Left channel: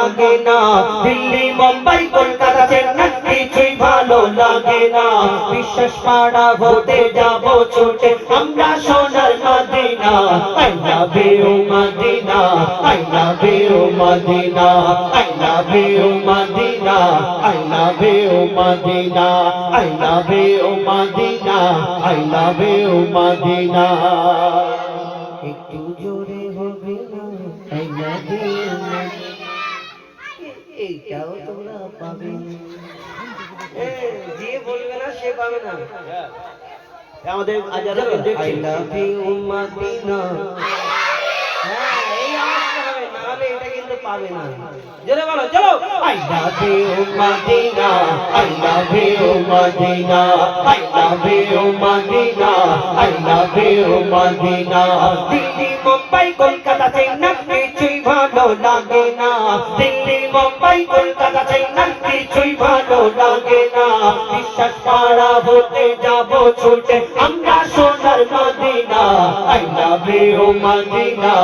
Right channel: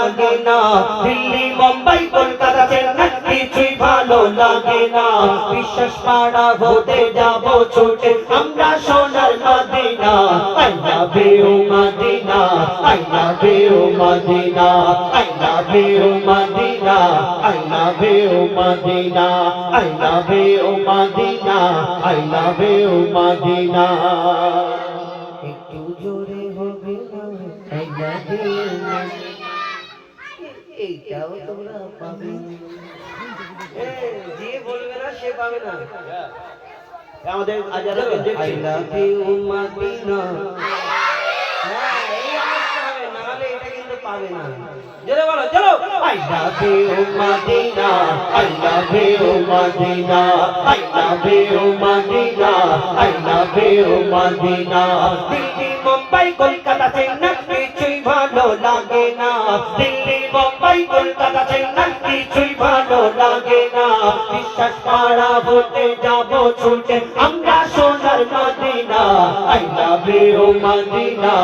লাগে না দিল্লি মুম্বাই কলকাতা চেন্নাই কিছুই ভালো লাগে না বিশ্বাস পাড়া হতে যাব ছুটে আমরা সোনার Madina I love you Madina I love you Madina I love you Madina I love you Madina I love you Madina I love you Madina একটু জোরে হবে না I love you এইটাও তোমরা পাবে যে বলবে না সে পাবে না আমাদের আজারা দেখছি I love you মদিনা হ্যাঁ এই আসতে হবে নাহলে এটা কিন্তু পাবে না জোরে বলো চলো I love you Madina I love you Madina I love you Madina I love you Madina Delhi Mumbai Kolkata Chennai কিছুই ভালো লাগে না দিল্লি মুম্বাই কলকাতা চেন্নাই কিছুই ভালো লাগে না বিশ্বাস পাড়া হতে যাব ছুটে আমরা সোনার Madina I love you Madina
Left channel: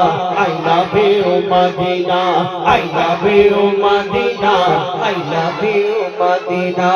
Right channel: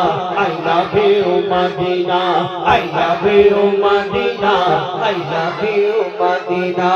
I love you Madina I love you Madina I love you Madina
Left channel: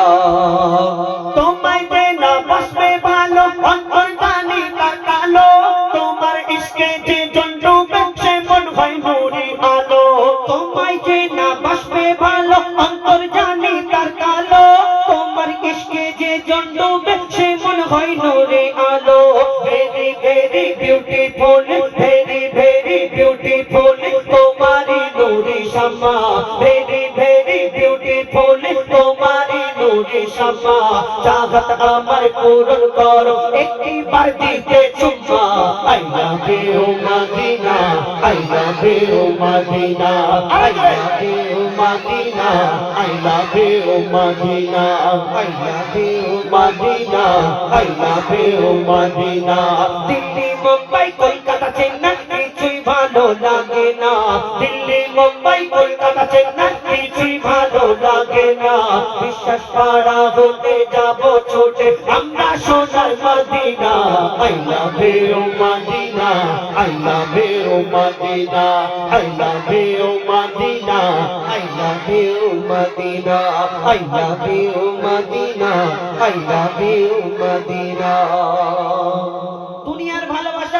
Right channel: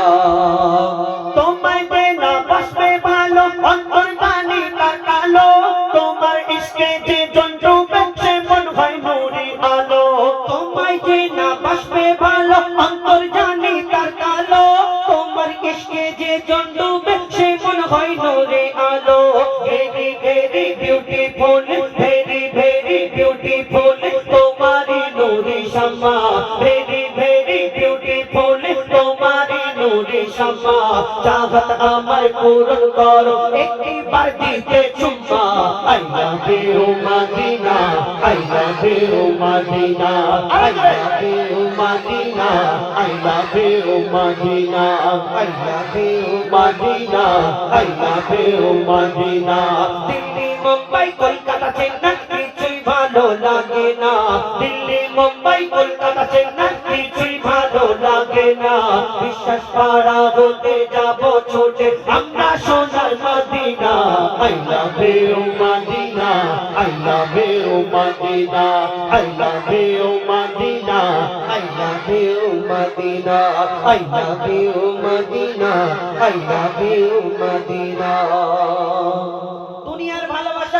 তোমায় দেনা বসবে ভালো অন্তর বাণী কালো তোমার ইশকে যে জন্টু বেছে মন হয় নুরি আলো তোমায় দেনা বসবে ভালো অন্তর জানি তার কালো তোমার ইশকে যে জন্টু বেছে মন হয় নুরি আলো very very beautiful very very beautiful তোমারি নুরি শামা ভেরি ভেরি বিউটিফুল তোমারি নুরি শামা চাহত আমার পূরণ করো একটি বার দিতে চুম্মা I love you Madina I love you Madina I love you Madina I love you Madina I love you Madina I love you Madina Delhi Mumbai Kolkata Chennai কিছুই ভালো লাগে না দিল্লি মুম্বাই কলকাতা চেন্নাই কিছুই ভালো লাগে না বিশ্বাস পাড়া হতে যাব ছুটে আমরা সোনার Madina I love you Madina I love you Madina I love you Madina I love you Madina I love you Madina I love you Medina